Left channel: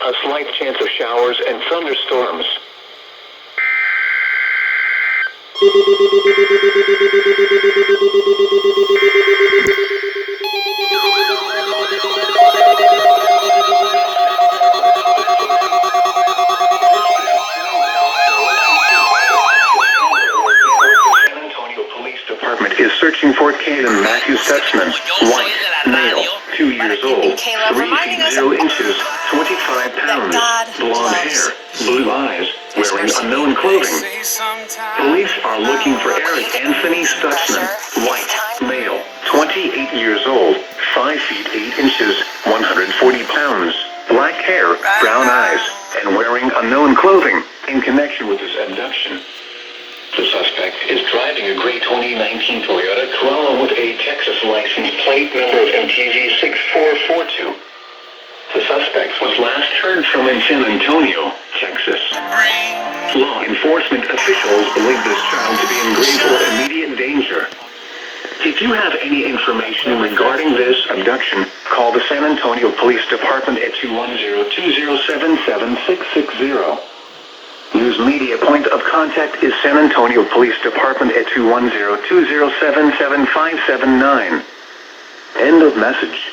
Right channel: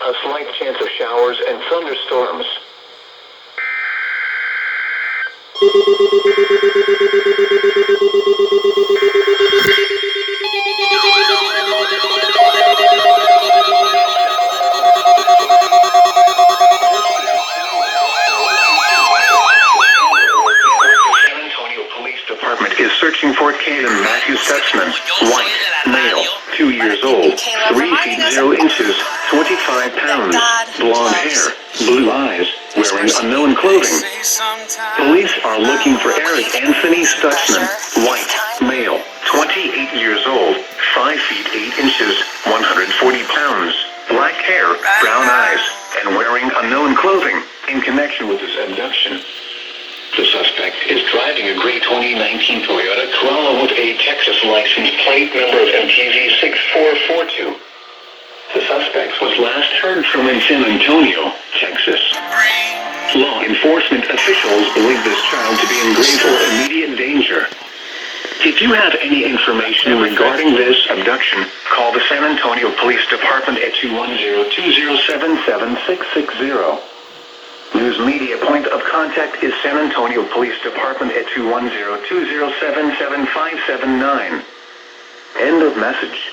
A slight chance of showers and thunderstorms. Is searching for KAYEDEN Matthew Stutzman, white, male, 2 years old, 3 feet 0 inches, 25 pounds, blonde hair, blue eyes, wearing unknown clothing. Police are looking for ERIK Anthony Stutzman, white, male, 28 years old, 5 feet 8 inches, 140 pounds, black hair, brown eyes, and wearing unknown clothing, in connection with his abduction. The suspect is driving a gray 2019 Toyota Corolla with a Texas license plate number of MTZ 6442. The suspect was last heard from in San Antonio, Texas. Law enforcement officials believe this child to be in grave or immediate danger. If you have any information regarding this abduction, call the San Antonio Police Department at 210-207-7660. News media point of contact is San Antonio Police Department at 210-207-7579. End of message.